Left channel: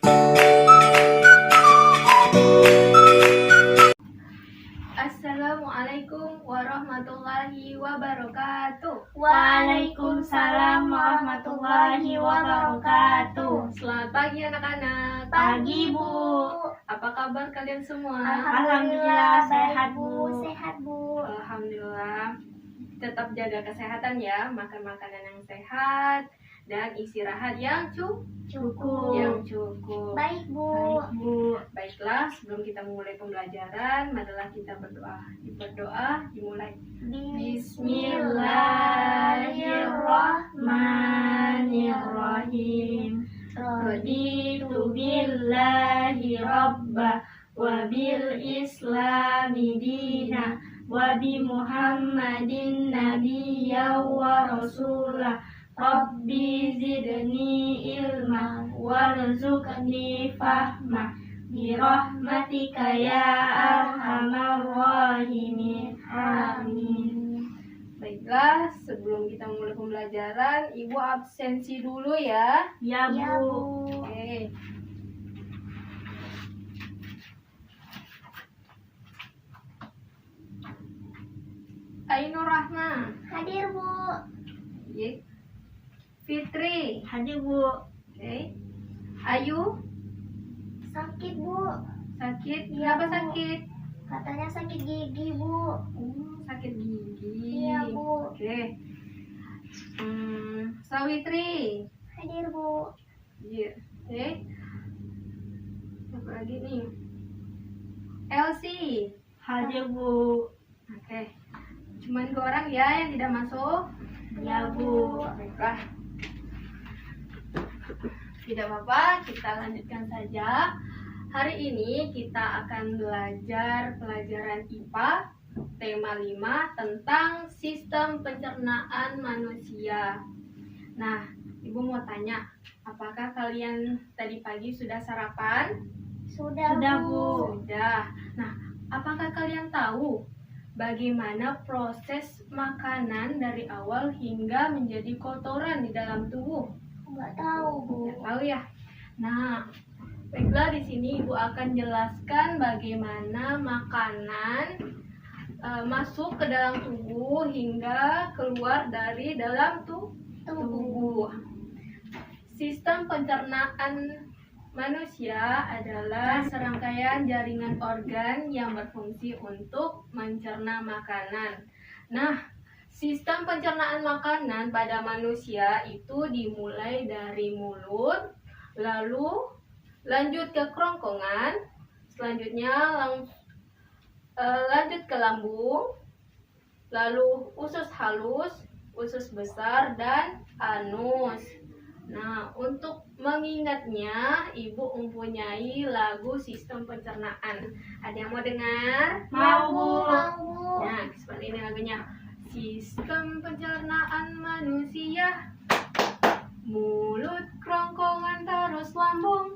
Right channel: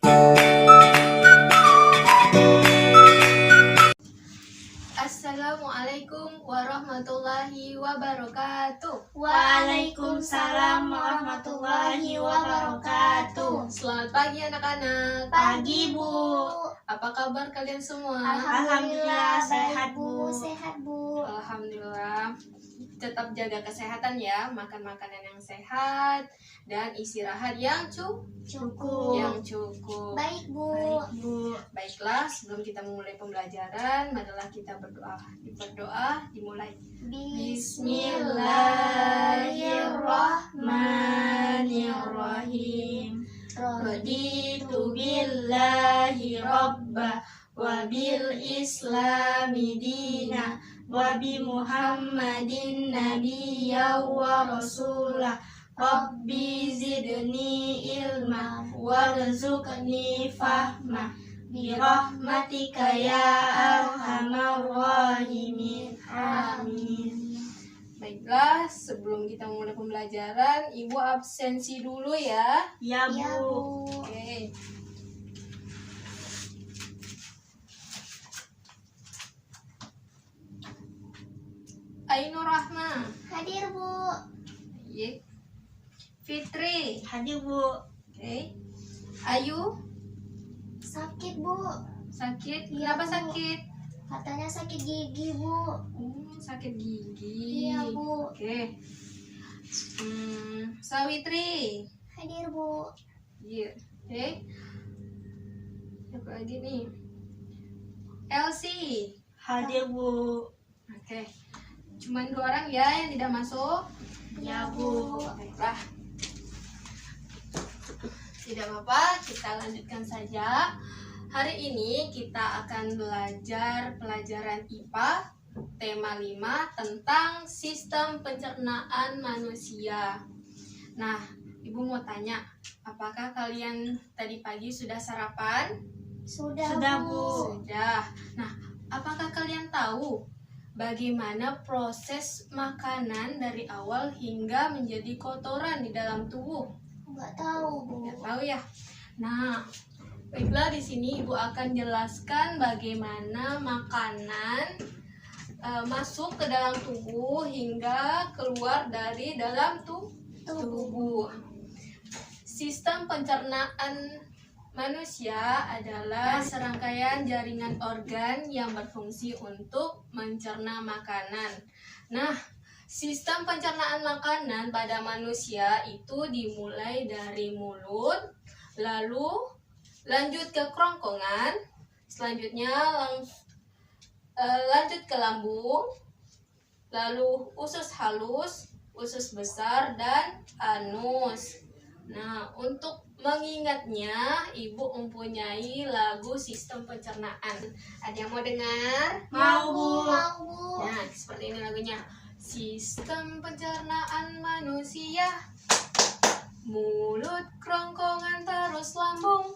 Assalamualaikum warahmatullahi wabarakatuh. Waalaikumsalam warahmatullahi wabarakatuh. Selamat pagi anak-anak. Pagi, Bu. Apa kabar kalian semua? Alhamdulillah sehat, Bu. Sehat, Bu. Alhamdulillah. Tetap jaga kesehatan ya, makan makanan yang sehat dan istirahat yang Cukup. cukup. Baik, Bu. Baik, Bu. Baiklah, sebelum kita memulai pembelajaran, marilah kita berdoa. Berdoa dimulai. Bismillahirrahmanirrahim. Raditu billahi rabba wa bil islami dina wa bi Muhammadin nabiyya wa rasulah. Rabbi zidni ilma warzuqni fahma bi rahmatika ya arhamar rahimin. Amin. Baiklah, sebelum kita memulai pembelajaran, Ibu absensi dulu ya. Ya, Ya, Bu. Bu. Oke. Ainur Rahma. Hadir, Bu. Iya. Fitri. Hadir, Bu. Oke. Ayu. Sakit, Bu. Sakit. Iya, Kenapa Bu. sakit? Katanya sakit gigi, Bu. Sakit gigi. Iya, Bu. Oke. Sawitri. Hadir, Bu. Iya. Oke. Apa lagi nih? Elsie. Hadir, Bu. Oke. Cuman 2 orang ya yang tidak masuk. Ya, Bu. Baiklah. Tidak apa-apa, kita lanjutkan saja. Hari ini kita akan belajar pelajaran IPA tema 5 tentang sistem pencernaan manusia. Nah, Ibu mau tanya, apakah kalian tadi pagi sudah sarapan? Sudah, Bu. Sudah. Nah, apakah kalian tahu bagaimana proses makanan dari awal hingga menjadi kotoran di dalam tubuh? Nggak tahu, Bu. Nggak tahu ya. Nah, baiklah, di sini Ibu akan jelaskan bagaimana makanan masuk ke dalam tubuh hingga keluar dari dalam tubuh. Sistem pencernaan manusia adalah serangkaian jaringan organ yang berfungsi untuk mencerna makanan. Nah, sistem pencernaan makanan pada manusia itu dimulai dari mulut, lalu lanjut ke kerongkongan, selanjutnya lanjut ke lambung, lalu usus halus, usus besar, dan anus. Nah, untuk mengingatnya, Ibu mempunyai lagu sistem pencernaan. Ada yang mau dengar? Mau, Bu. Mau, Bu. Nah, seperti ini lagunya. Sistem pencernaan manusia, mulut, kerongkongan, terus lambung,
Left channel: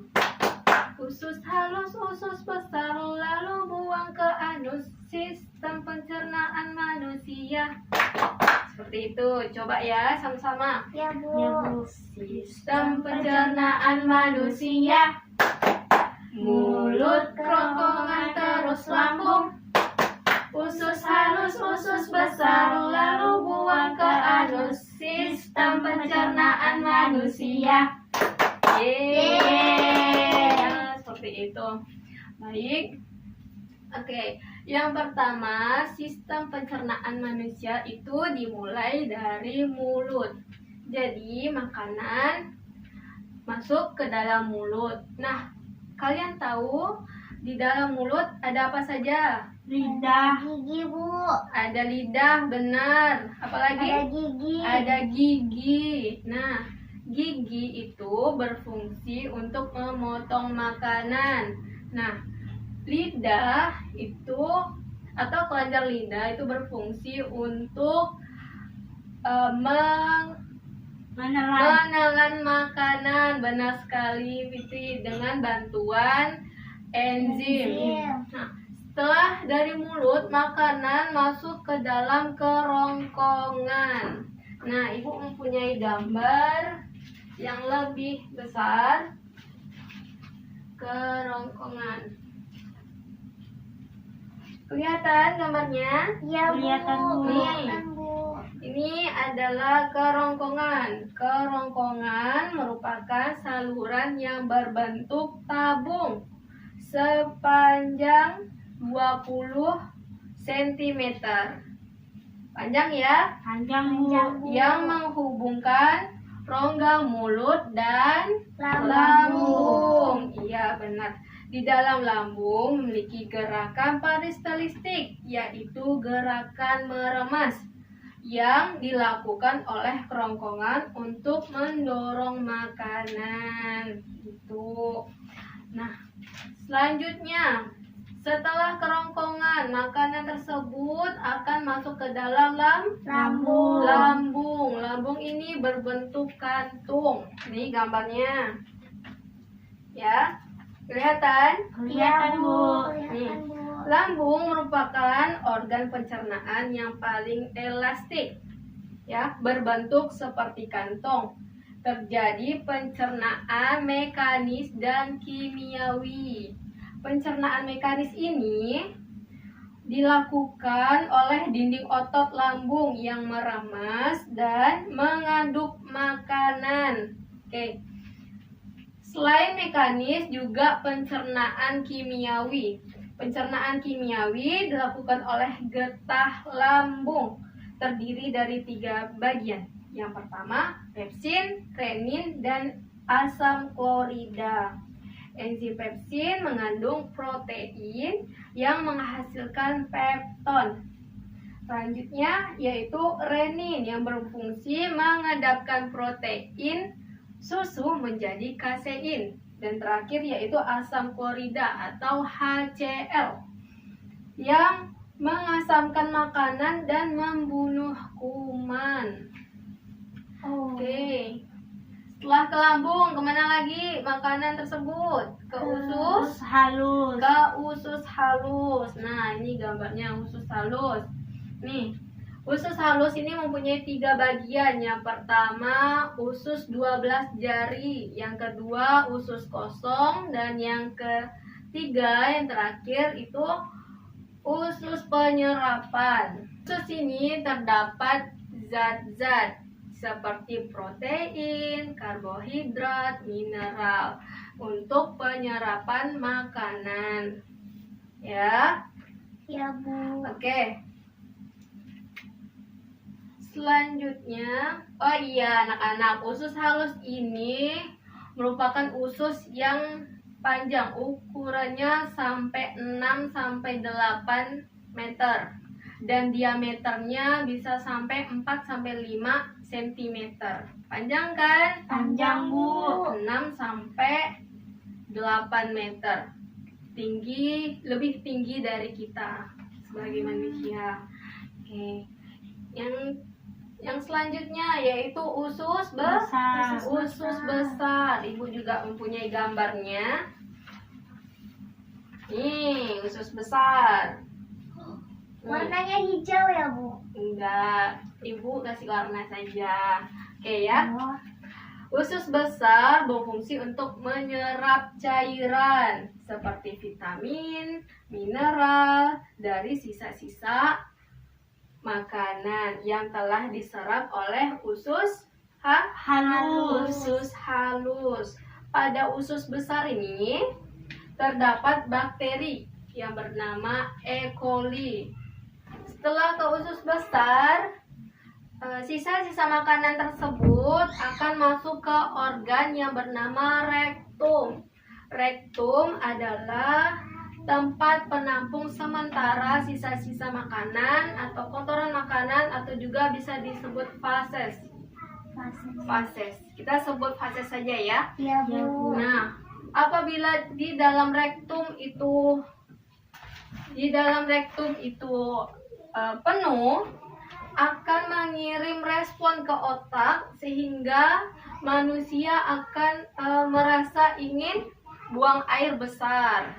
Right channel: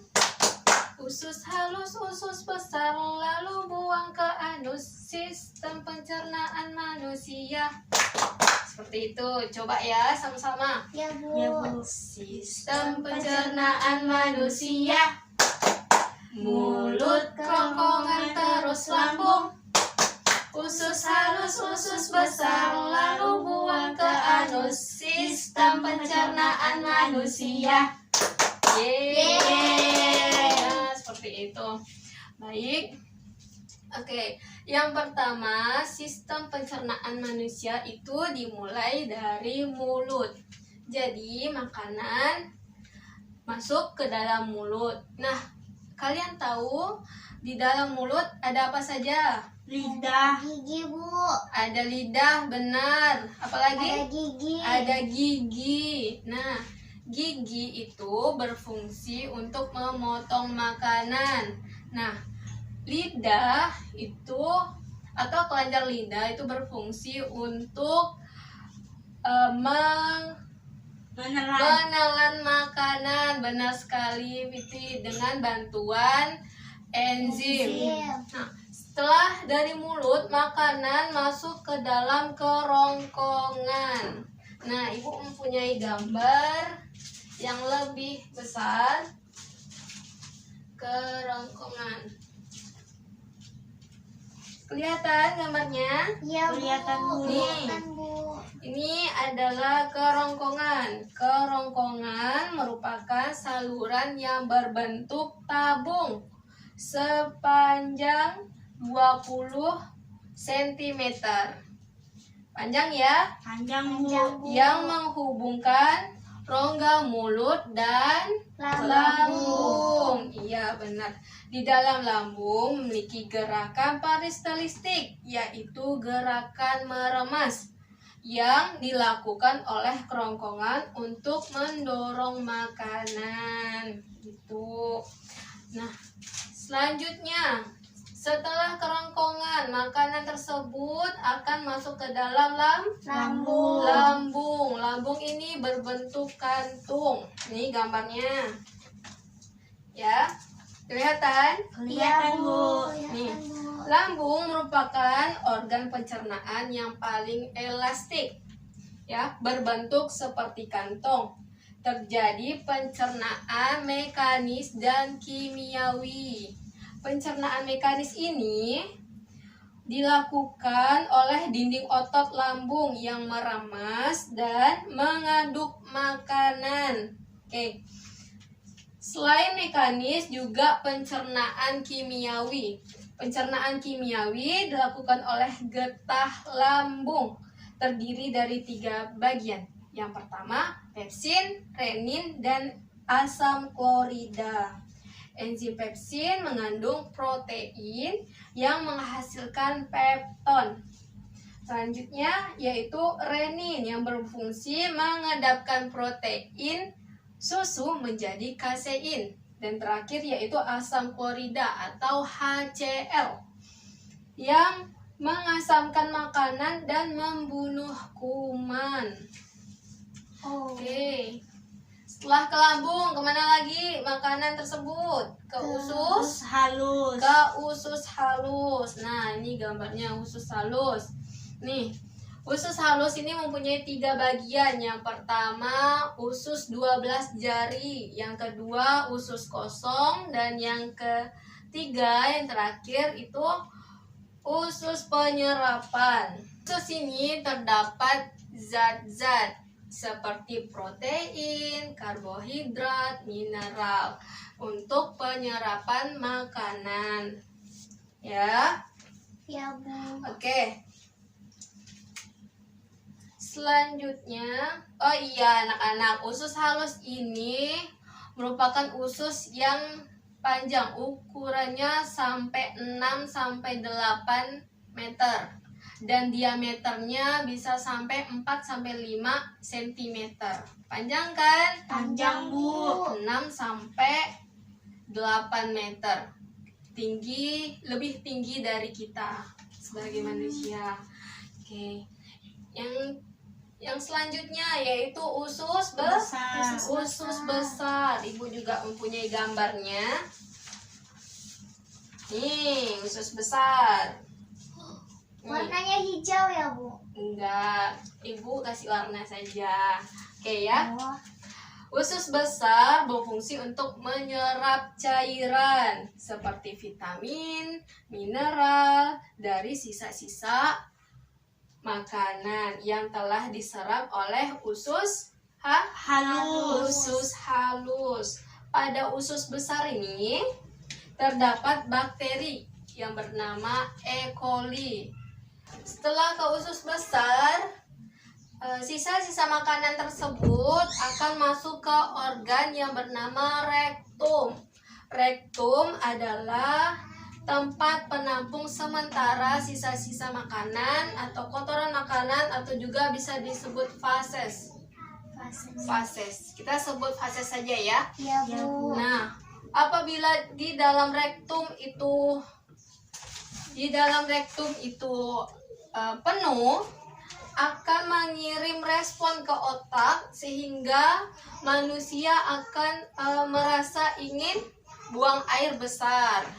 usus halus, usus besar, lalu buang ke anus. Sistem pencernaan manusia. Seperti itu. Coba ya sama-sama. Ya, Bu. Ya, Bu. Sistem pencernaan manusia, mulut, kerongkongan, terus lambung, usus halus, usus besar, lalu buang ke anus. Sistem pencernaan manusia. Yeay. Nah, seperti itu. Baik. Oke, yang pertama, sistem pencernaan manusia itu dimulai dari mulut. Jadi, makanan masuk ke dalam mulut. Nah, kalian tahu di dalam mulut ada apa saja? Lidah. Gigi, Bu. Ada lidah, benar. Apalagi? Ada gigi. Ada gigi. Nah, gigi itu berfungsi untuk memotong makanan. Nah, lidah itu atau kelenjar lidah itu berfungsi untuk menelan makanan. Benar sekali, Fitri, dengan bantuan enzim. Nah, setelah dari mulut, makanan masuk ke dalam kerongkongan. Nah, Ibu mempunyai gambar yang lebih besar. Kelihatan gambarnya? Ya Bu. Kelihatan, Bu. Kelihatan Bu. Ini adalah kerongkongan. Kerongkongan merupakan saluran yang berbentuk tabung sepanjang 20 cm. Panjang ya, Panjang, Bu. Panjang, Bu. yang menghubungkan rongga mulut dan lambung. Iya, benar. Di dalam lambung memiliki gerakan peristaltik, yaitu gerakan meremas yang dilakukan oleh kerongkongan untuk mendorong makanan. Gitu. Nah, selanjutnya setelah kerongkongan, makanan tersebut akan masuk ke dalam Lambung. lambung. Lambung ini berbentuk kantung. Nih gambarnya. Ya, kelihatan? Kelihatan, Bu. Kelihatan Bu. Lambung merupakan organ pencernaan yang paling elastik, ya, berbentuk seperti kantong. Terjadi pencernaan mekanis dan kimiawi. Pencernaan mekanis ini dilakukan oleh dinding otot lambung yang meremas dan mengaduk makanan. Oke. Selain mekanis, juga pencernaan kimiawi. Pencernaan kimiawi dilakukan oleh getah lambung, terdiri dari 3 bagian. Yang pertama, pepsin, renin, dan asam klorida. Enzim pepsin mengandung protein yang menghasilkan pepton. Selanjutnya yaitu renin yang berfungsi mengendapkan protein susu menjadi kasein. Dan terakhir yaitu asam klorida atau HCl yang mengasamkan makanan dan membunuh kuman. Oke. Setelah ke lambung, kemana lagi makanan tersebut? Ke usus, Halus. ke usus halus. Nah, ini gambarnya usus halus. Nih, usus halus ini mempunyai 3 bagian. Yang pertama, usus 12 jari. Yang kedua, usus kosong. Dan yang ketiga, yang terakhir itu usus penyerapan. Usus ini terdapat zat-zat seperti protein, karbohidrat, mineral untuk penyerapan makanan. Ya. Ya Bu. Oke. Selanjutnya, oh iya anak-anak, usus halus ini merupakan usus yang panjang, ukurannya sampai 6 sampai 8 meter. Dan diameternya bisa sampai 4 sampai 5 cm. Panjang kan? Panjang, Bu. 6 sampai 8 meter. Tinggi, lebih tinggi dari kita sebagai manusia. Oke. Yang selanjutnya yaitu usus Besar. usus besar. Ibu juga mempunyai gambarnya. Nih, usus besar. Warnanya hijau ya Bu. Enggak, ibu kasih warna saja. Oke ya. Oh. Usus besar berfungsi untuk menyerap cairan seperti vitamin, mineral dari sisa-sisa makanan yang telah diserap oleh usus Halus. usus halus. Pada usus besar ini terdapat bakteri yang bernama E. coli. Setelah ke usus besar, sisa-sisa makanan tersebut akan masuk ke organ yang bernama rektum. Rektum adalah tempat penampung sementara sisa-sisa makanan atau kotoran makanan, atau juga bisa disebut fases. Fases. Kita sebut fases saja ya. Ya Bu. Nah, apabila di dalam rektum itu penuh, akan mengirim respon ke otak sehingga manusia akan merasa ingin buang air besar.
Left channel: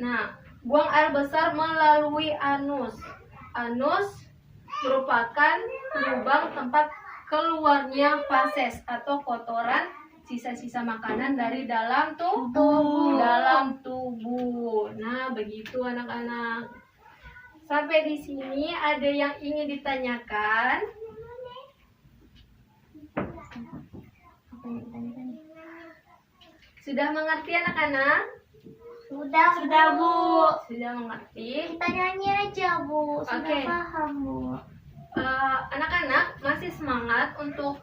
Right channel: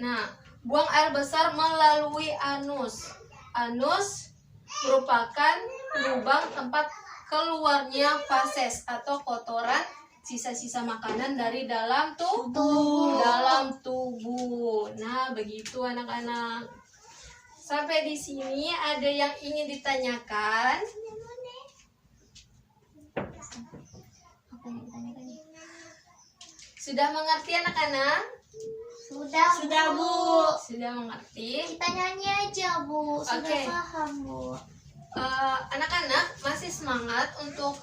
Nah, buang air besar melalui anus. Anus merupakan lubang tempat keluarnya fases atau kotoran sisa-sisa makanan dari dalam tubuh. Nah, begitu anak-anak. Sampai di sini ada yang ingin ditanyakan? Apa yang ditanyakan? Sudah mengerti anak-anak? Sudah, Sudah, Bu. Sudah mengerti? Kita nyanyi aja, Bu. Sudah Oke. paham, Bu. Anak-anak masih semangat untuk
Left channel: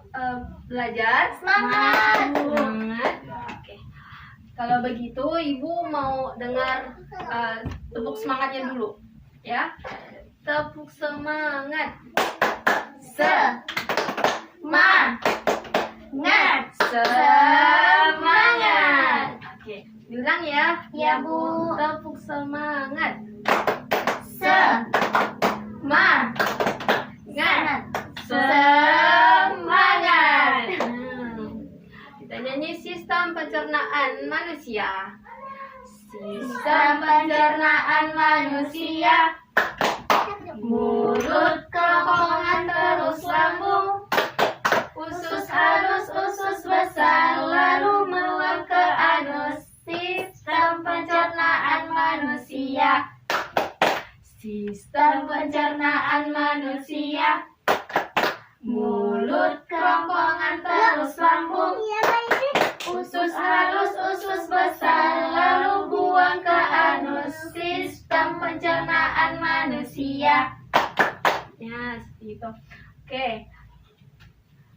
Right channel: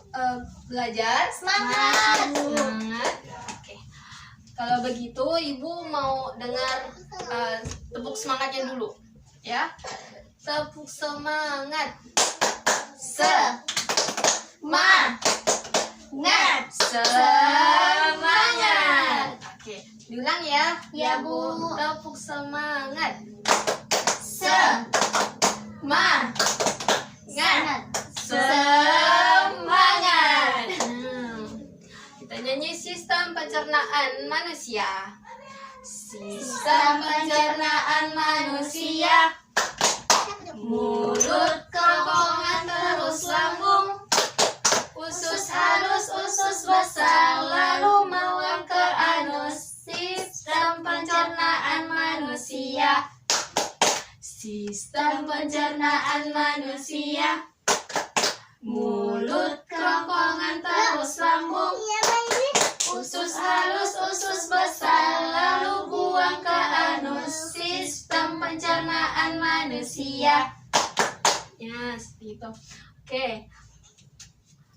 belajar? Semangat. Semangat. Oke. Kalau begitu, Ibu mau dengar tepuk semangatnya dulu, ya. Tepuk semangat. Semangat. Semangat. Oke, diulang ya. Ya, Bu. Tepuk semangat. Semangat. Semangat. Kita nyanyi sistem pencernaan manusia. Sistem pencernaan manusia. Mulut kerongkongan terus lambung. Usus halus, usus besar, lalu meluap ke anus. Sistem pencernaan manusia. Sistem pencernaan manusia. Mulut kerongkongan terus lambung. Usus halus, usus besar, lalu buang ke anus. Sistem pencernaan manusia. Ya, seperti itu. Oke.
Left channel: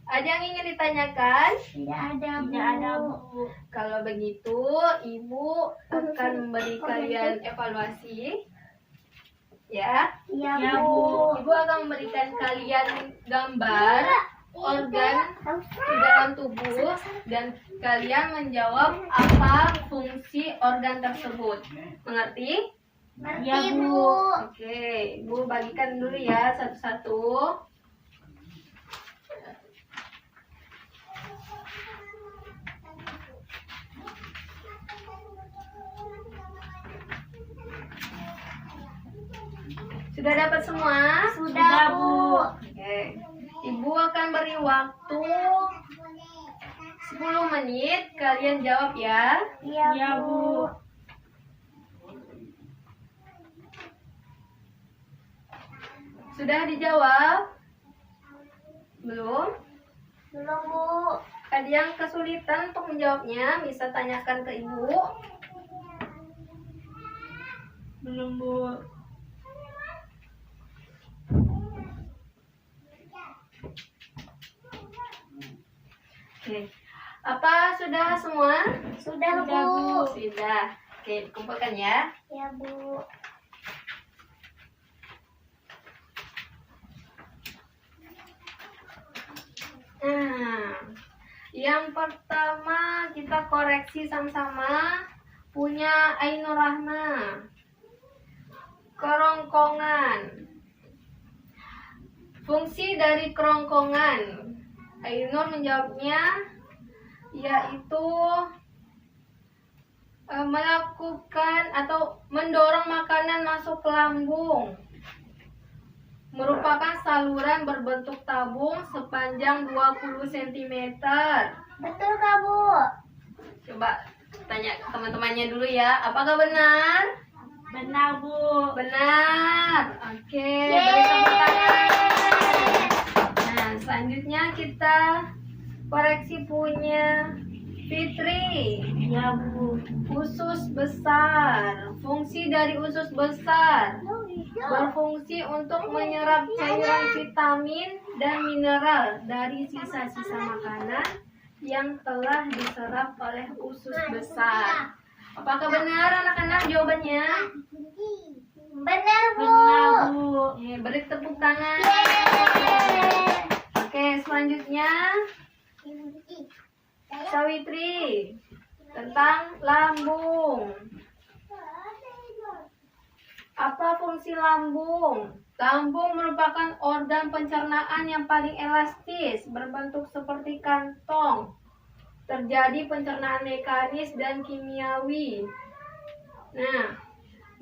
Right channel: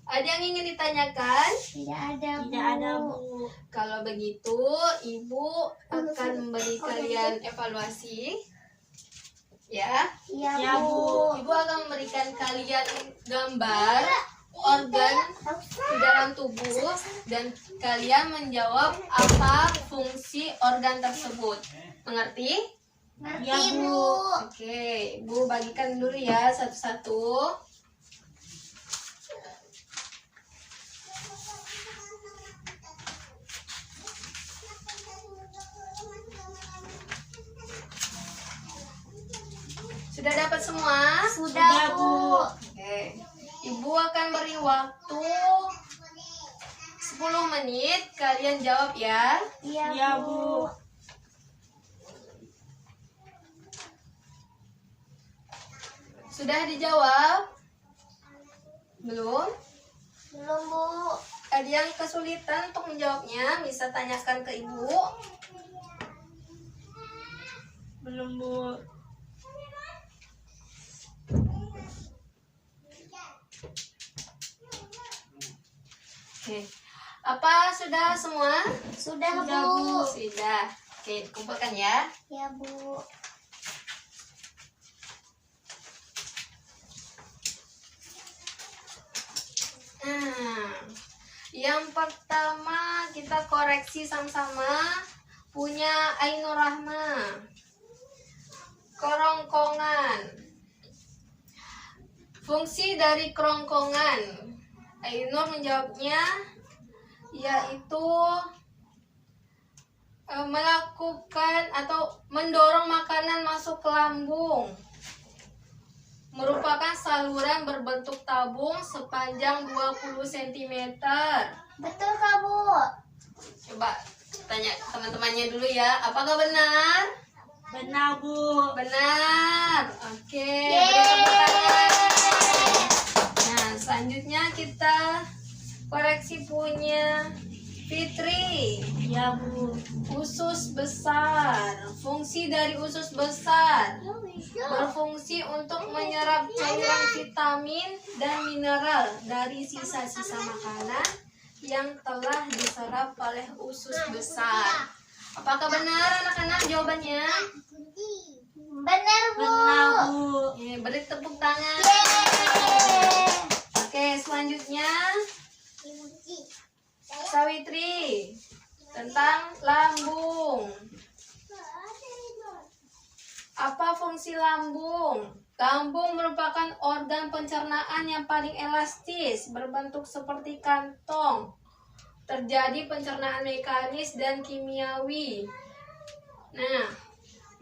Ada yang ingin ditanyakan? Tidak ada, Bu. Tidak ada, Bu. Kalau begitu, Ibu akan memberi kalian evaluasi. Ya. Iya, Ya, Bu. Ibu akan memberikan kalian gambar organ di dalam tubuh dan kalian menjawab apa fungsi organ tersebut. Mengerti? Ngerti, Ya, Bu. Bu. Oke, Ibu bagikan dulu ya satu-satu. Sudah dapat semua? Sudah, Bu. Oke. Ibu akan beri waktu 10 menit. Kalian jawab ya. Iya, Ya, Bu. Bu. Sudah dijawab? Belum? Belum, Bu. Ada yang kesulitan untuk menjawabnya? Bisa tanyakan ke Ibu. Belum, Bu. Oke. Apa sudah semua? Sudah, Sudah, Bu. Bu. Sudah. Oke, kumpulkan ya. Ya, Bu. Nah, yang pertama kita koreksi sama-sama punya Ainur Rahma. Kerongkongan. Fungsi dari kerongkongan. Ainur menjawabnya yaitu melakukan atau mendorong makanan masuk ke lambung. Merupakan saluran berbentuk tabung sepanjang 20 cm. Betul, Kak, Bu. Coba tanya teman-temannya dulu ya, apakah benar? Benar, Bu. Benar. Oke, beri tepuk tangan. Nah, selanjutnya kita koreksi punya Fitri. Ya, Bu. Usus besar. Fungsi dari usus besar berfungsi untuk menyerap cairan vitamin dan mineral dari sisa-sisa makanan yang telah diserap oleh usus besar. Apakah benar anak-anak jawabannya? Benar, Bu. Benar, Bu. Beri tepuk tangan. Oke, selanjutnya Sawitri tentang lambung. Apa fungsi lambung? Lambung merupakan organ pencernaan yang paling elastis, berbentuk seperti kantong. Terjadi pencernaan mekanis dan kimiawi. Nah,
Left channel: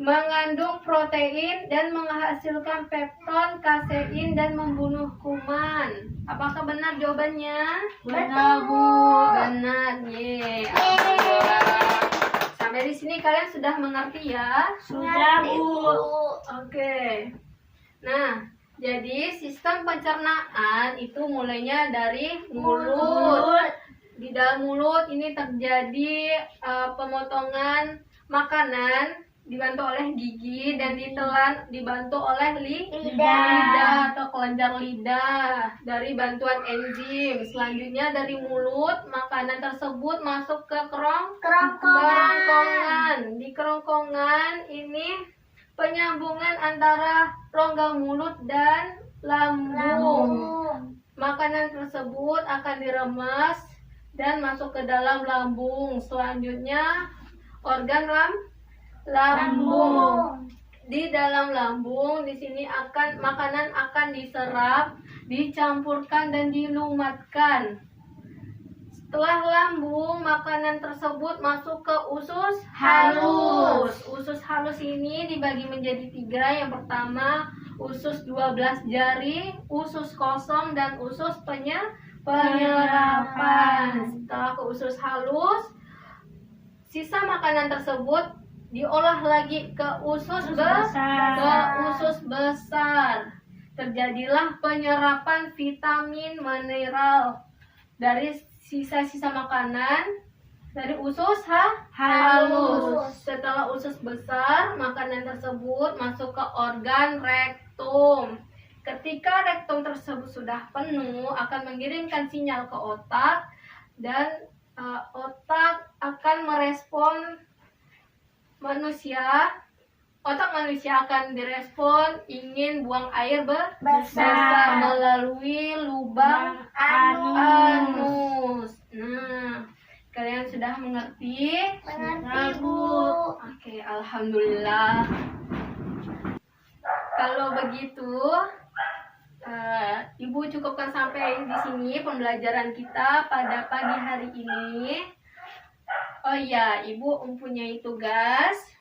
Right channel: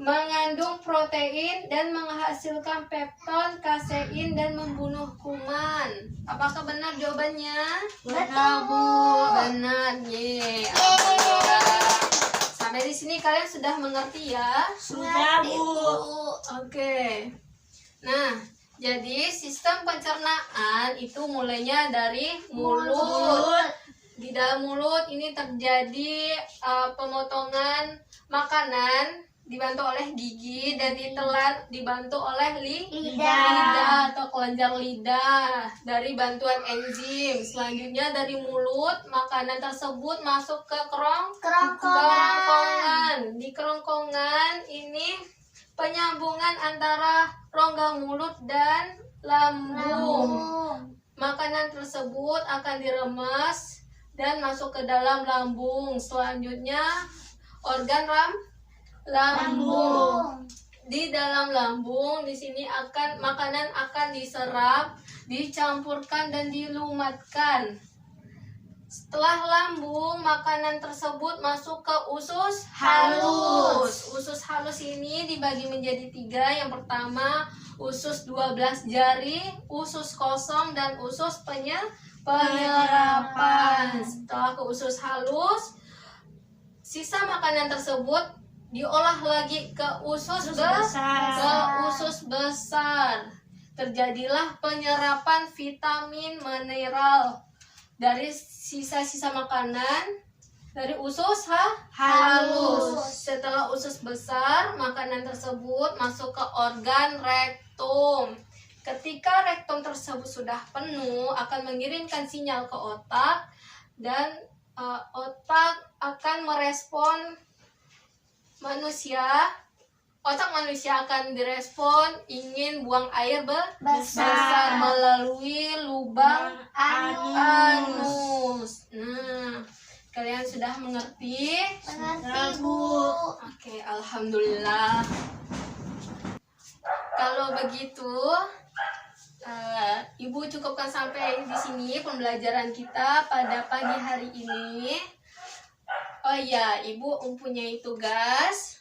mengandung protein dan menghasilkan pepton, kasein dan membunuh kuman. Apakah benar jawabannya? Benar, Bu. Benar. Alhamdulillah. Sampai di sini kalian sudah mengerti ya? Sudah, Ngerti, Bu. Oke. Nah, jadi sistem pencernaan itu mulainya dari mulut. Di dalam mulut ini terjadi pemotongan makanan dibantu oleh gigi dan ditelan dibantu oleh lidah atau kelenjar lidah dari bantuan enzim. Selanjutnya dari mulut makanan tersebut masuk ke kerongkongan. Di kerongkongan ini penyambungan antara rongga mulut dan lambung. Makanan tersebut akan diremas dan masuk ke dalam lambung. Selanjutnya organ lambung. Di dalam lambung di sini makanan akan diserap, dicampurkan dan dilumatkan. Setelah lambung, makanan tersebut masuk ke usus halus. Usus halus ini dibagi menjadi 3. Yang pertama, usus 12 jari, usus kosong, dan usus penyerapan. Setelah ke usus halus, sisa makanan tersebut diolah lagi ke usus besar. Terjadilah penyerapan vitamin mineral dari sisa-sisa makanan dari usus halus. Setelah usus besar, makanan tersebut masuk ke organ rektum. Ketika rektum tersebut sudah penuh, akan mengirimkan sinyal ke otak dan otak akan merespon otak manusia akan direspon ingin buang air besar melalui lubang anus. Nah, kalian sudah mengerti? Mengerti, Bu. Oke, alhamdulillah. Kalau begitu, Ibu cukupkan sampai di sini pembelajaran kita pada pagi hari ini. Oh iya, Ibu mempunyai tugas.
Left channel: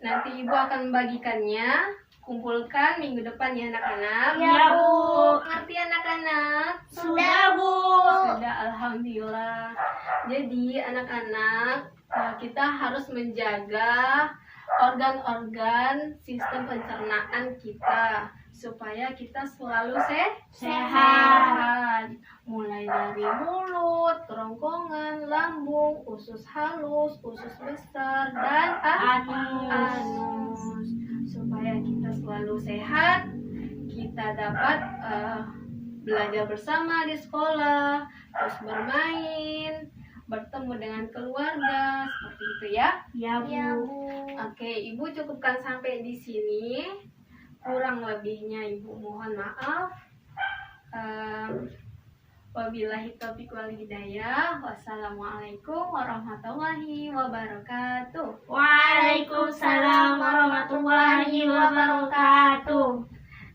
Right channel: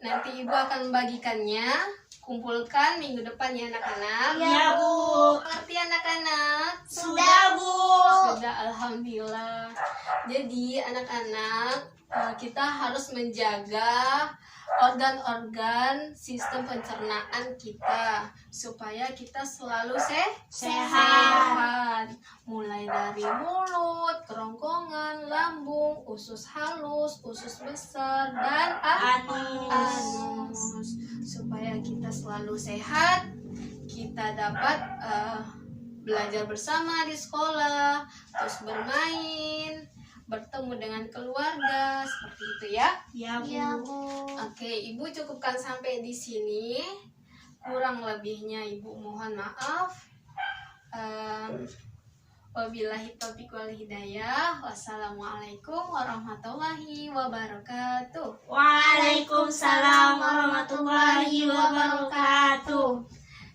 Nanti Ibu akan membagikannya. Kumpulkan minggu depan ya anak-anak. Ya, Bu. Ngerti anak-anak? Sudah, Bu. Sudah, alhamdulillah. Jadi anak-anak, kita harus menjaga organ-organ sistem pencernaan kita supaya kita selalu sehat. Mulai dari mulut, kerongkongan, lambung, usus halus, usus besar, dan anus. Supaya kita selalu sehat, kita dapat belajar bersama di sekolah, terus bermain, bertemu dengan keluarga, seperti itu ya. Ya, Ya, Bu. Bu. Oke, Ibu cukupkan sampai di sini. Kurang lebihnya Ibu mohon maaf. Wabillahi taufiq wal hidayah. Wassalamualaikum warahmatullahi wabarakatuh. Waalaikumsalam warahmatullahi wabarakatuh.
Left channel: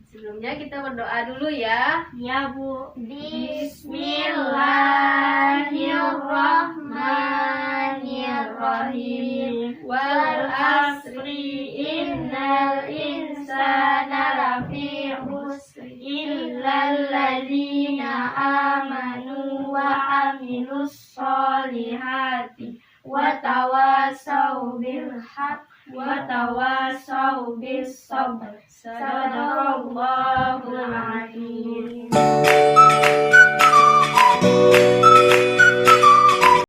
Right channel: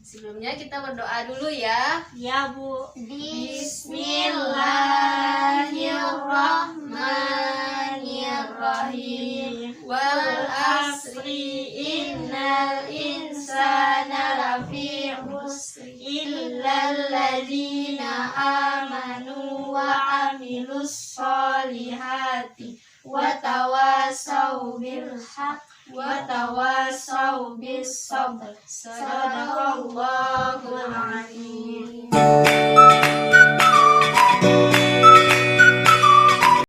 Sebelumnya kita berdoa dulu ya. Ya, Bu. Bismillahirrahmanirrahim. Wal asri innal insana lafi khusr illal ladzina amanu wa amilus solihati wa tawasau bil haq wa tawasau bis sabr. Sadaqallahu